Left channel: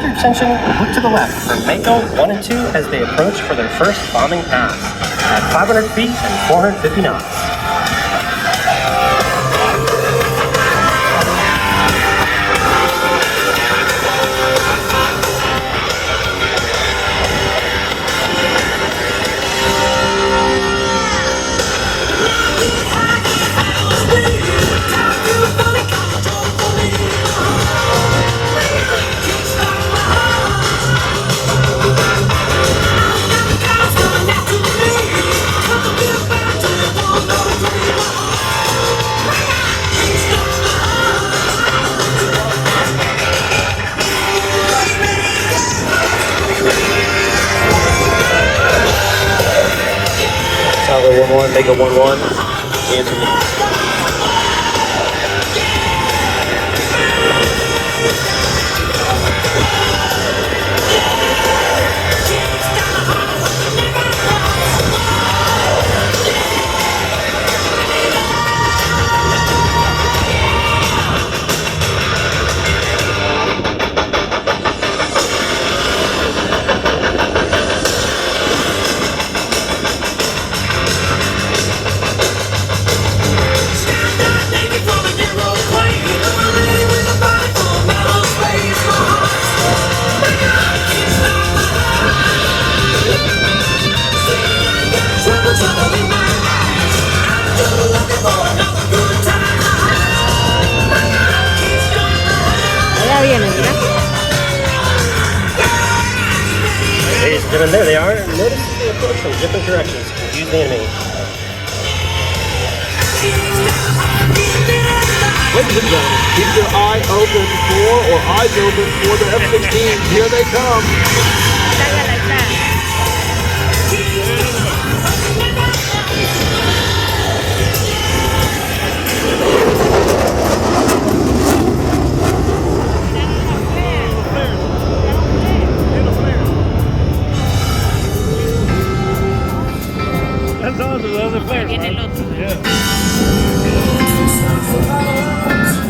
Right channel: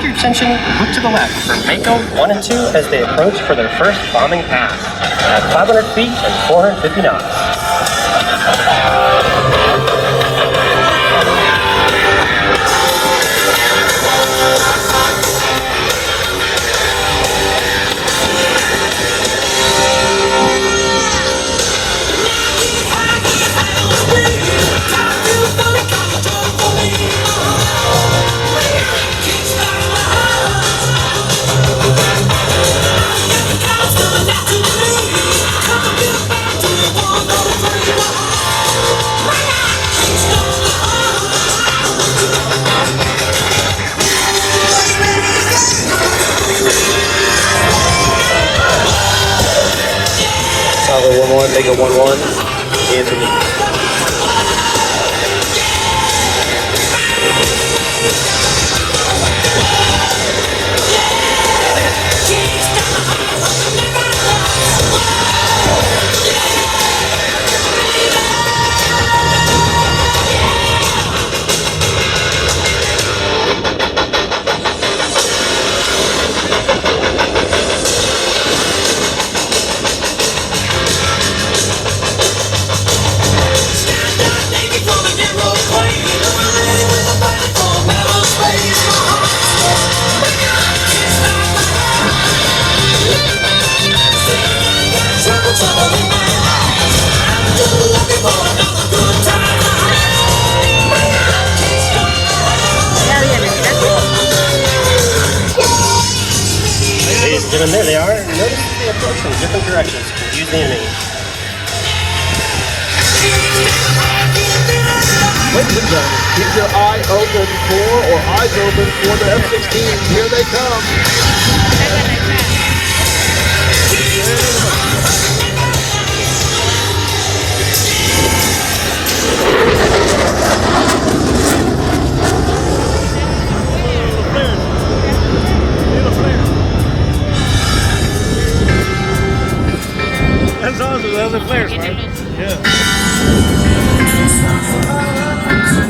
direct your attention, look to the left for Mako 1 and 2 as they approach for their first bombing pass at 500 feet and 450 knots. Mega 1-1, Anthony. Ladies and gentlemen, there they are. Notice they approach from different directions to confuse the enemy. Ladies and gentlemen, keep your eye open for, or eyes open for the F-16. Here they come.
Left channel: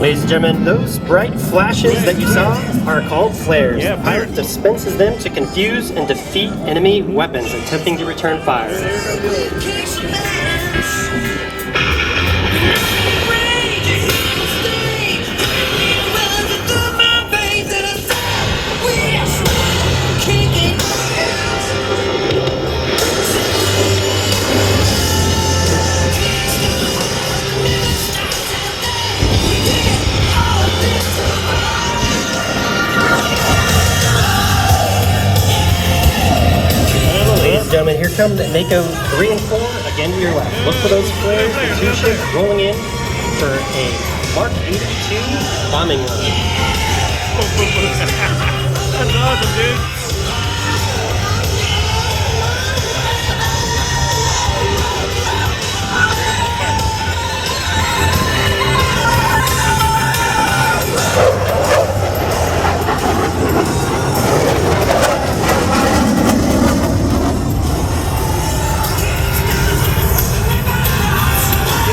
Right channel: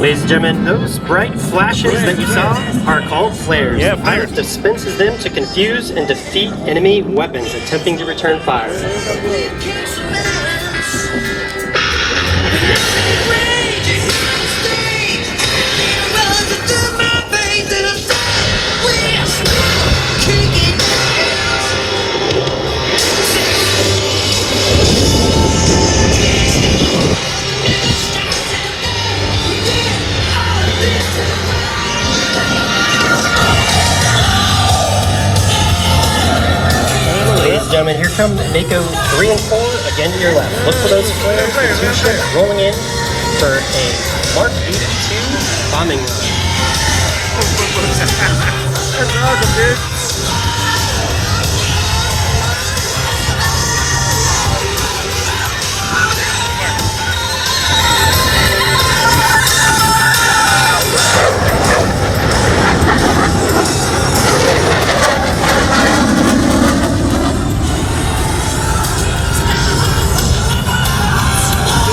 Ladies and gentlemen, those bright flashes that you saw are called flares. Yeah, The pilot dispenses them to confuse and defeat enemy weapons attempting to return fire. Gentlemen, here come Mako 3 and 4, again to your left. Look for those flares rolling in for a Mark 82 bombing run. That's awesome, dude.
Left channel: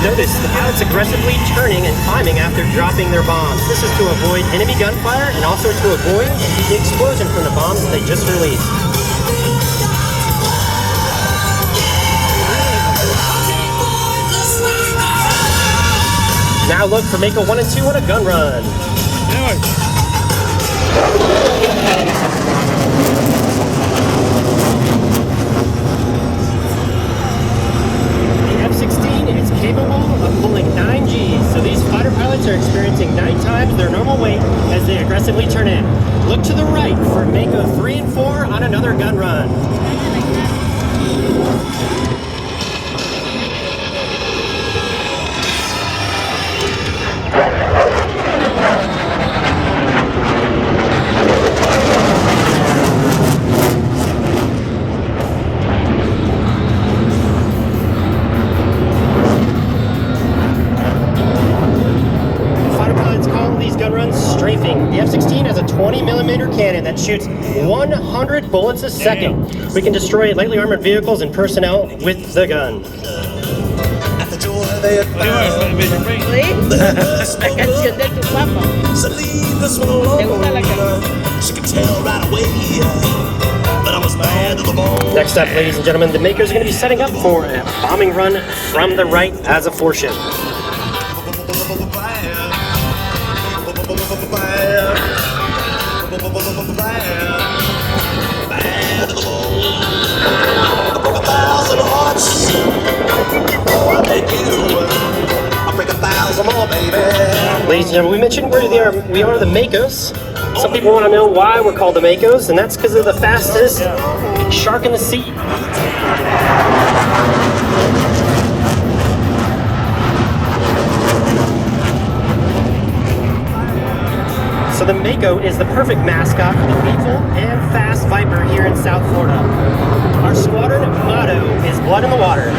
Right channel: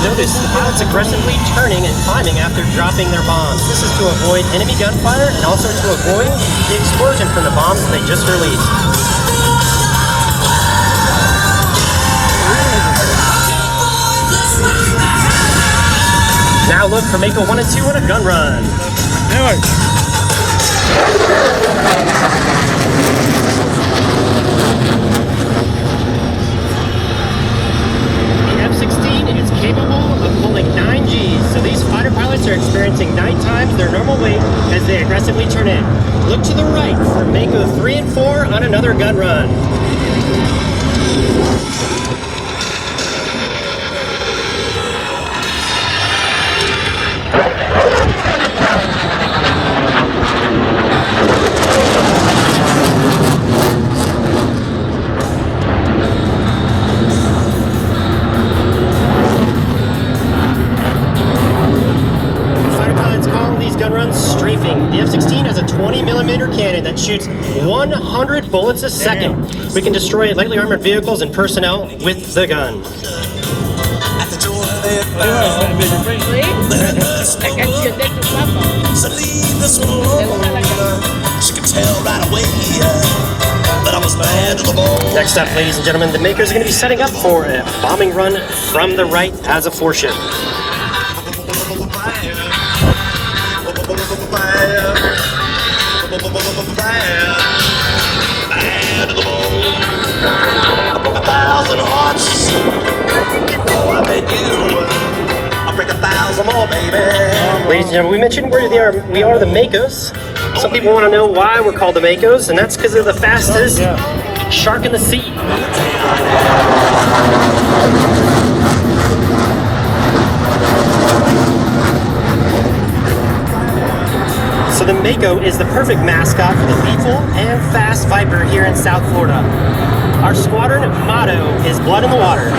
Notice the pilots aggressively turning and climbing after dropping their bombs. This is to avoid enemy gunfire and also to avoid the explosion from the bombs they just released. Now look for Mako 1 and 2 on a gun run. Capable of pulling 9 Gs, so these fighter pilots are experiencing 9 times their normal weight as they aggressively turn in. Look to the right for Mako 3 and 4 on another gun run. The F-16 has a 20mm cannon that shoots 100 bullets a second. Damn. We can destroy lightly armored vehicles and personnel with the gun. ¿Sí? La canción de tu papá. ¿Te gusta la canción? Next up, ladies and gentlemen, the Makos are going to be setting up for a bombing run from the right as a 4-ship. Ladies and gentlemen, we mentioned we are the Makos. Some people want to know why we're called the Makos, and that's because they're the fastest shark in the sea. So the Mako is the perfect mascot for the lethal and fast Viper here in South Florida. Our squadron motto is blood in the water.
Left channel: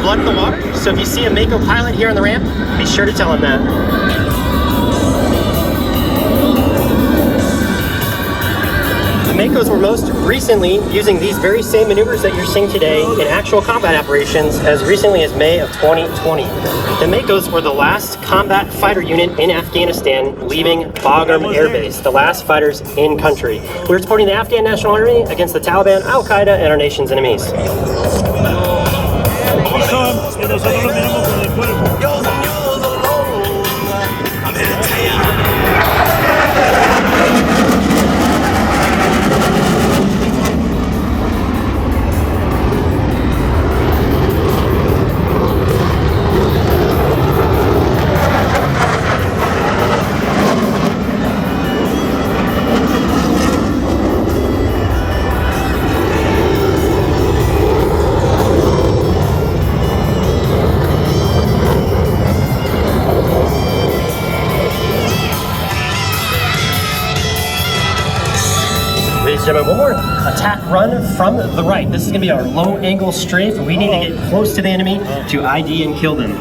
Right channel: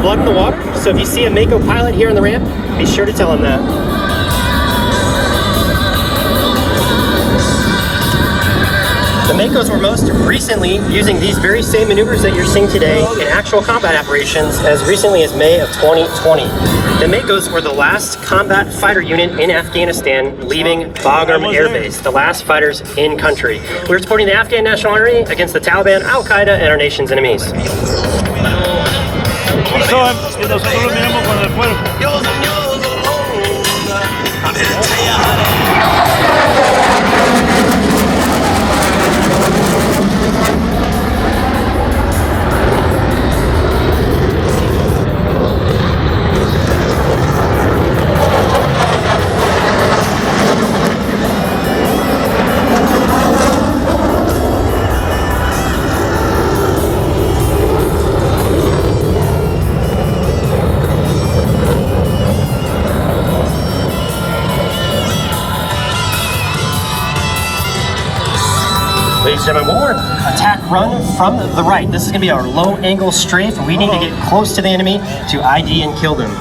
Blood in the water. So if you see a Mako pilot here on the ramp, be sure to tell him that. The Makos were most recently using these very same maneuvers that you're seeing today in actual combat operations as recently as May of 2020. The Makos were the last combat fighter unit in Afghanistan leaving Bagram Air Base, the last fighters in country. We were supporting the Afghan National Army against the Taliban, Al-Qaeda, and our nation's enemies. Y nosotros lo miramos con el cuerpo. One more attack run from the right. This is going to be our low angle strafe. We need to get close to the enemy to ID and kill them.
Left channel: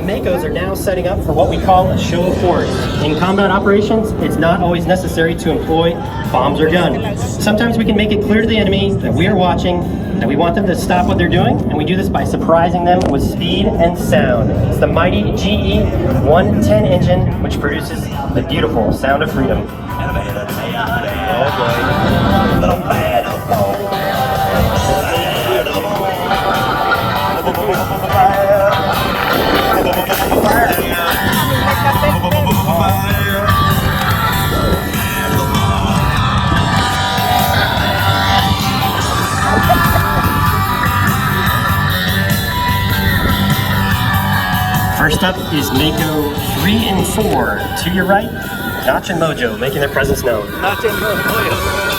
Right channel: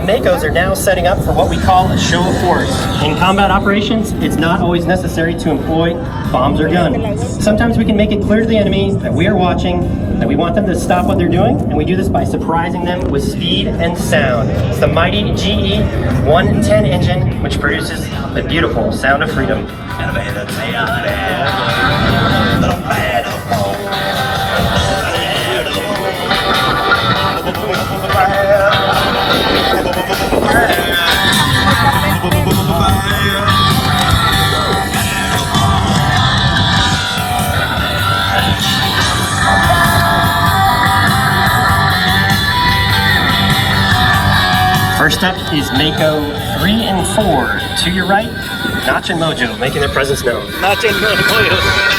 Makos are now setting up for what we call a show of force. In combat operations, it's not always necessary to employ bombs or guns. Sometimes we can make it clear to the enemy that we are watching, that we want them to stop what they're doing, and we do this by surprising them with speed and sound. It's the mighty GE 110 engine, which produces the beautiful sound of freedom. First up is Mako 3 and 4. To your right, Notch and Mojo making their presence known. Notch and Mojo.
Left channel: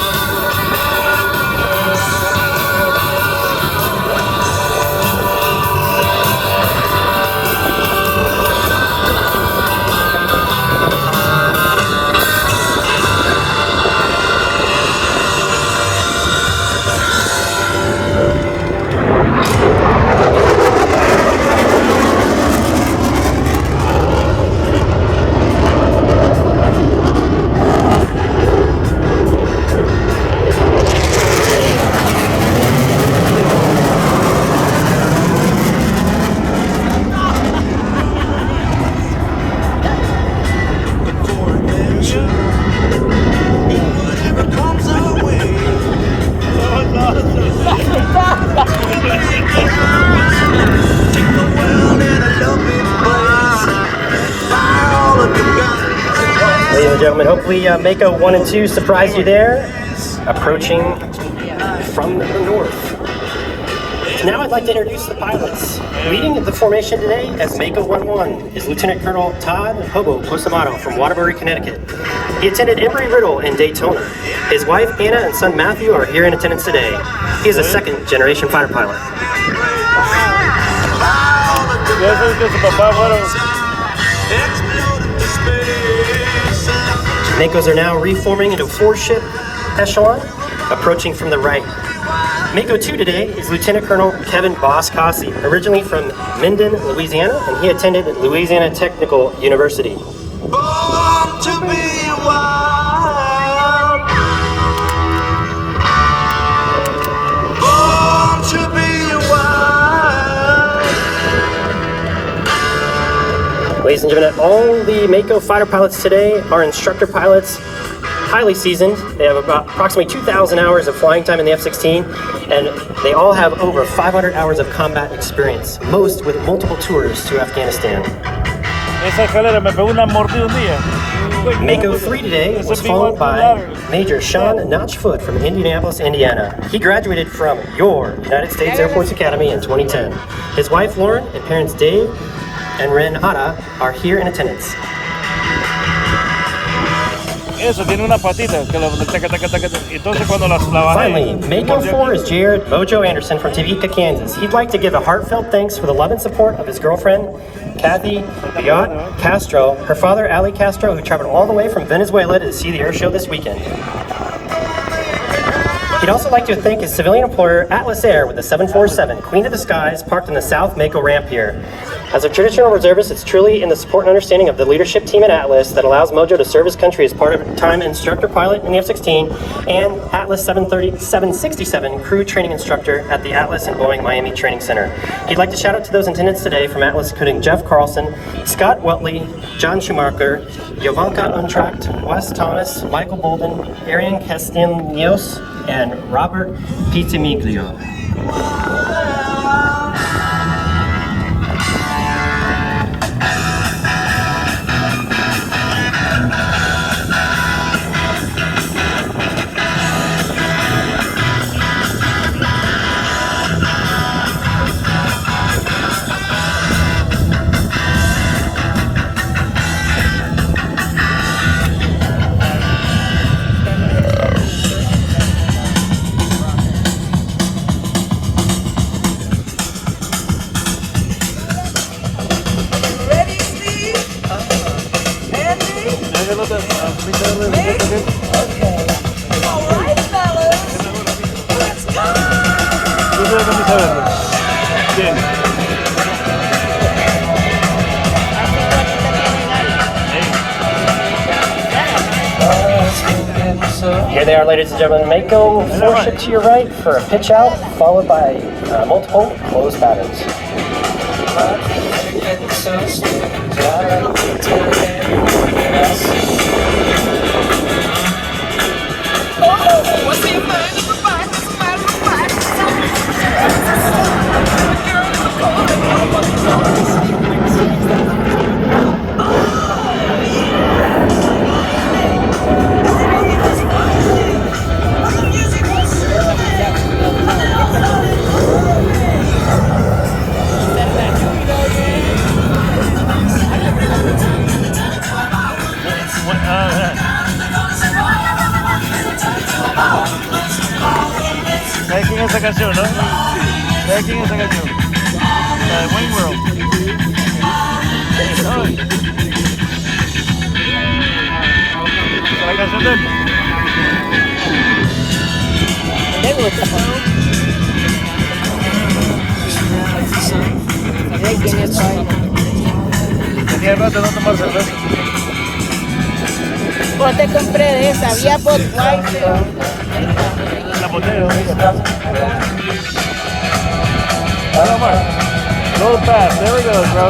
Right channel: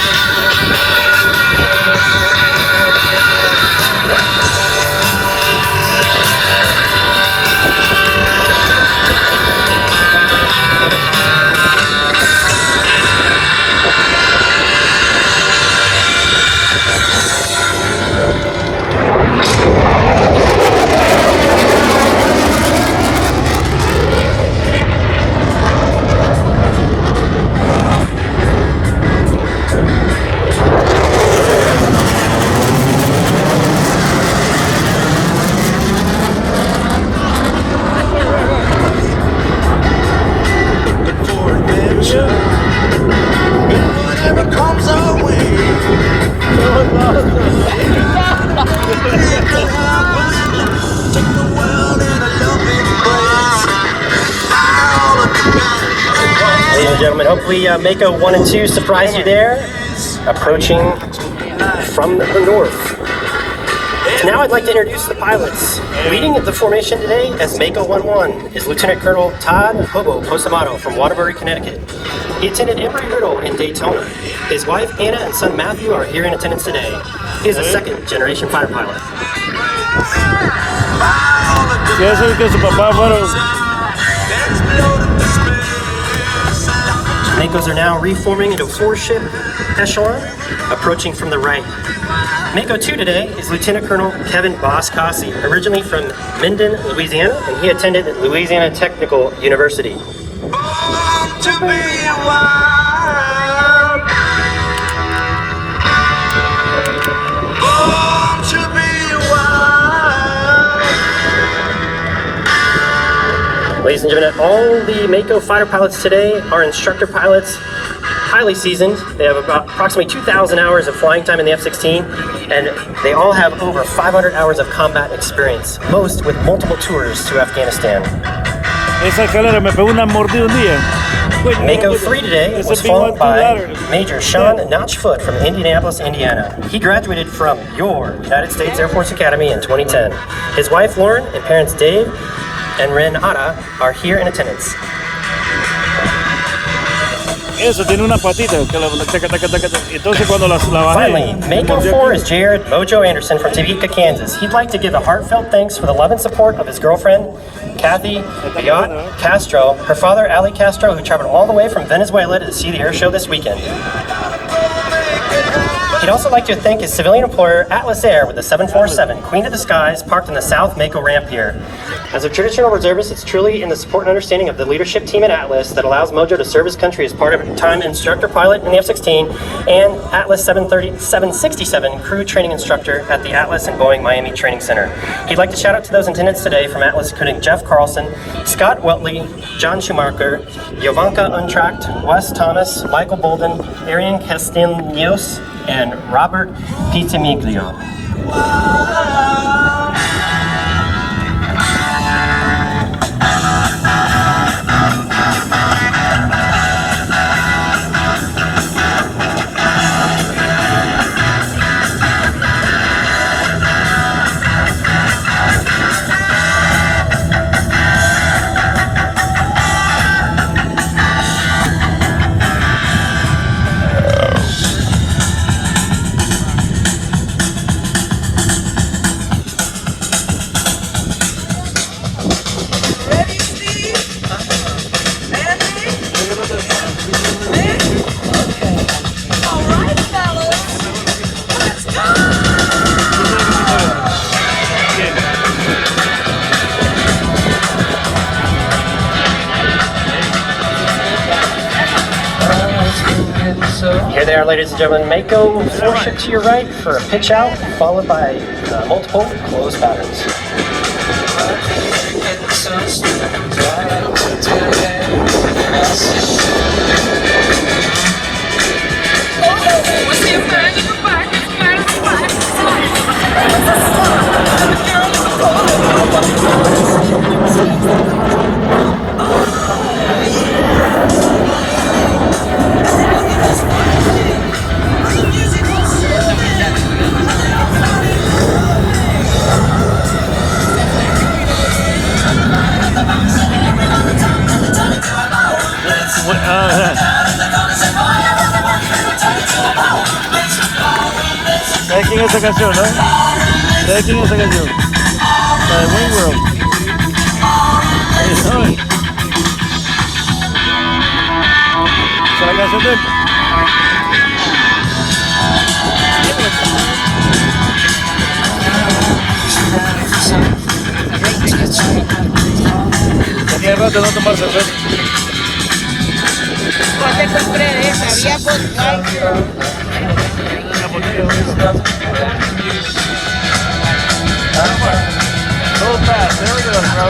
Ladies and gentlemen, hopefully Mako 1 and 2 surprised you there. Approaching from the north. Now I'd like to introduce the pilots. Leading the formation today as Mako 11 is Lieutenant Colonel Todd Hobo Postamato from Waterbury, Connecticut. He attended Embry-Riddle in Daytona. His wife Anna and son Matthew are here in attendance today. He is a second-generation fighter pilot. Makos are now reforming into a 4-ship echelon, approaching from the right. Mako 2 today is Lieutenant Colonel Kevin Boss-Cossey, originally from Minden, Louisiana, and he attended Louisiana Technical University. Ladies and gentlemen, all the Mako fighter pilots today are instructor pilots, highly seasoned. They have about approximately 2,000 hours of flying time in the F-16, and they all have over 500 hours of combat experience, most with multiple tours to Afghanistan. Mako 3 today was flown by Major Sean Notchfoot from Indianapolis, Indiana. He graduated from your United States Air Force Academy in 2010. His wife Lauren and parents Dave and Renata are here in attendance. Finally, Mako 4 is Jared Mojo Anderson from Topeka, Kansas. He'd like to give a heartfelt thanks for the love and support of his girlfriend, Kathy Biot Castro, her father, Ali Castro, who traveled all the way from Venezuela to see the air show this weekend. He'd also like to thank his civilian employer, Atlas Air, with the 747, Queen of the Skies, parked in the South Mako ramp here. As a traditional reservist, it's truly in the support and understanding of the leadership team at Atlas that allows Mojo to serve his country as part-time instructor pilot in the F-16 and Atlas 767 crew training instructor at the Atlas and Boeing Miami Training Center. He'd like to shout out to those in attendance today from Atlas, including Jeff Carlson, Scott Weltley, John Schumacher, Jovanka Untracked, Wes Thomas, Michael Bolden, Arian Castiglios, and Robert Pitamiglio. Here they are, ladies and gentlemen. Mako 4 ship to your right for a pitch out, followed by multiple close patterns. Esa canción, ¿eh? ¿Sabes quién es esa canción? La de Wayne World. Esa es la canción de él. Tenía rato, no te pasa, Pues te compré esa, había por So fast, there we go, bro.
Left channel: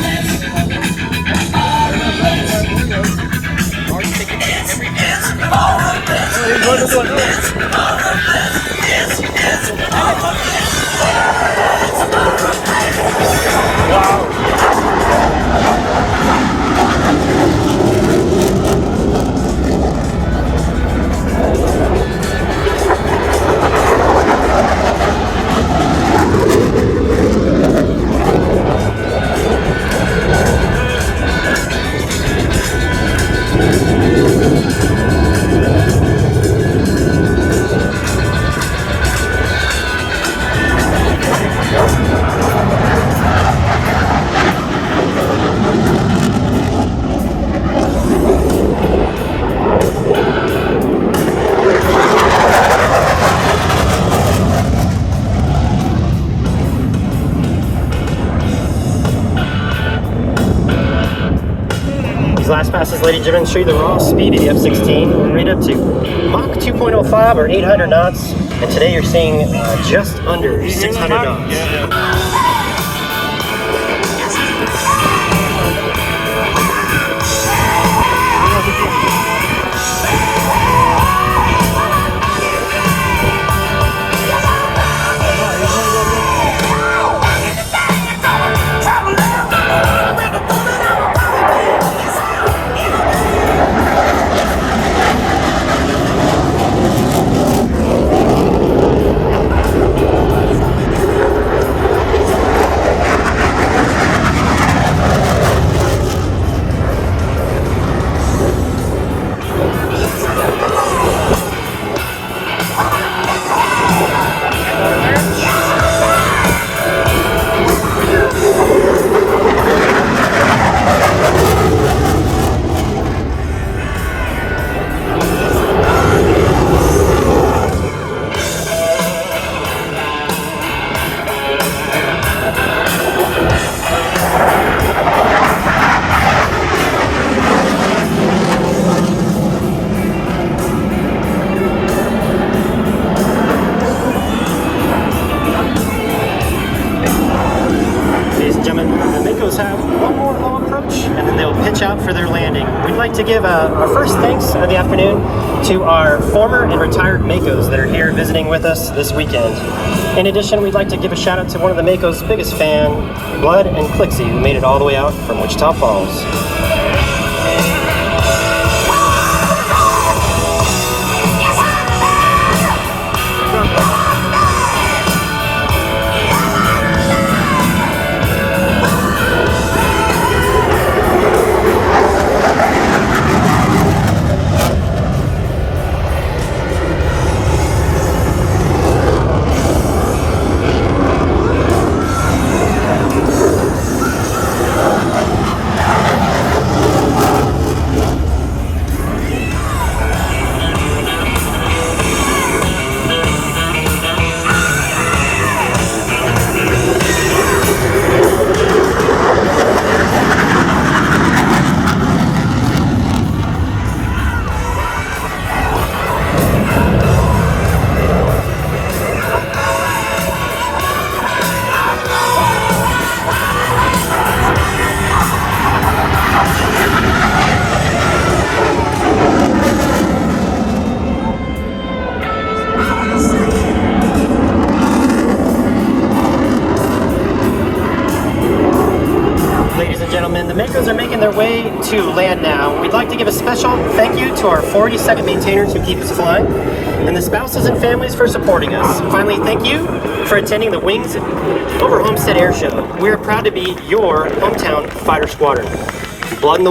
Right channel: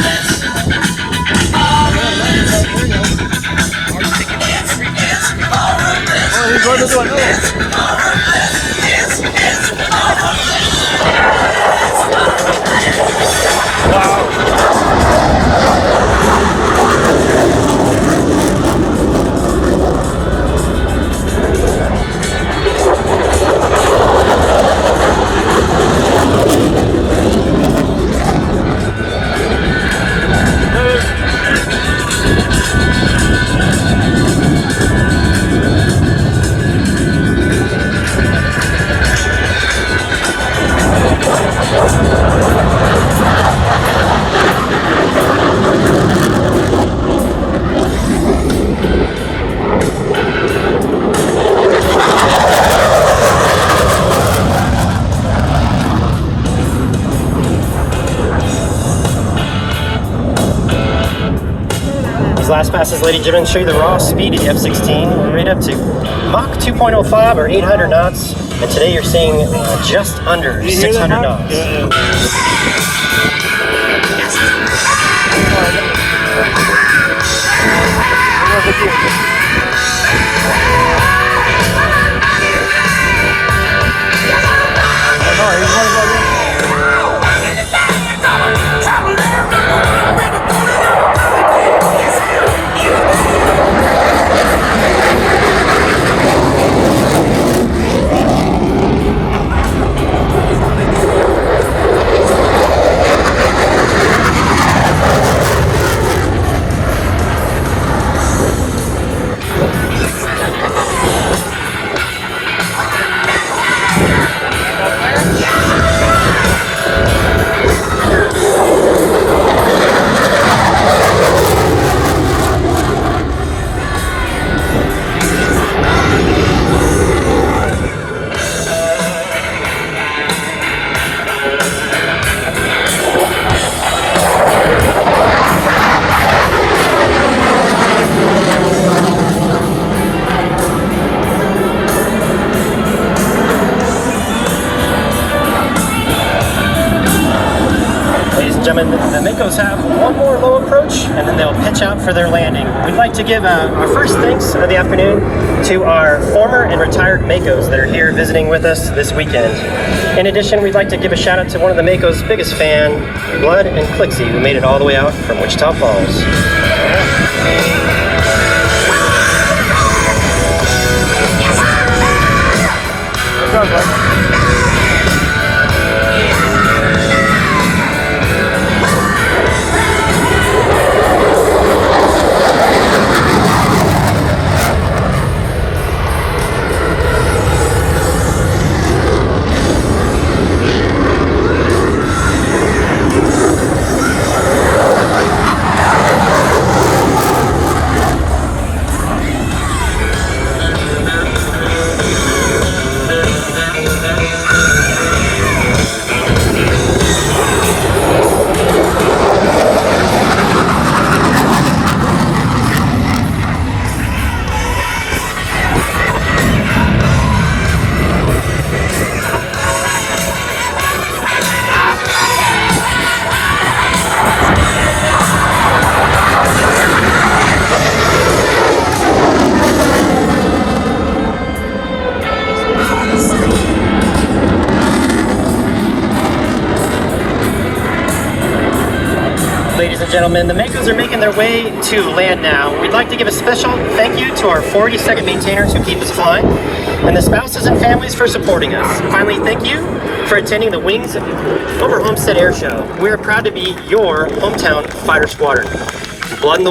He's going to do it. These last passes, ladies and gentlemen, show you the raw speed of the F-16, right up to Mach 2.05 or 800 knots. And today you're seeing just under 600 knots. The Makos have one more low approach and then they'll pitch out for their landing. We'd like to give our first thanks of the afternoon to our former and retired Makos that are here visiting with us this weekend. In addition, we'd like to give a shout out to one of the Makos' biggest fan, Blood and Clixie, who made it all the way out from Wichita Falls. Gentlemen, the Makos are making their way to land now. We'd like to give a special thank you to our 42nd maintainers who keep us flying, and the spouses and families for supporting us. Finally, thank you for attending the Wings Over Homestead Air Show. We're proud to be your hometown fighter squadron. Blood in the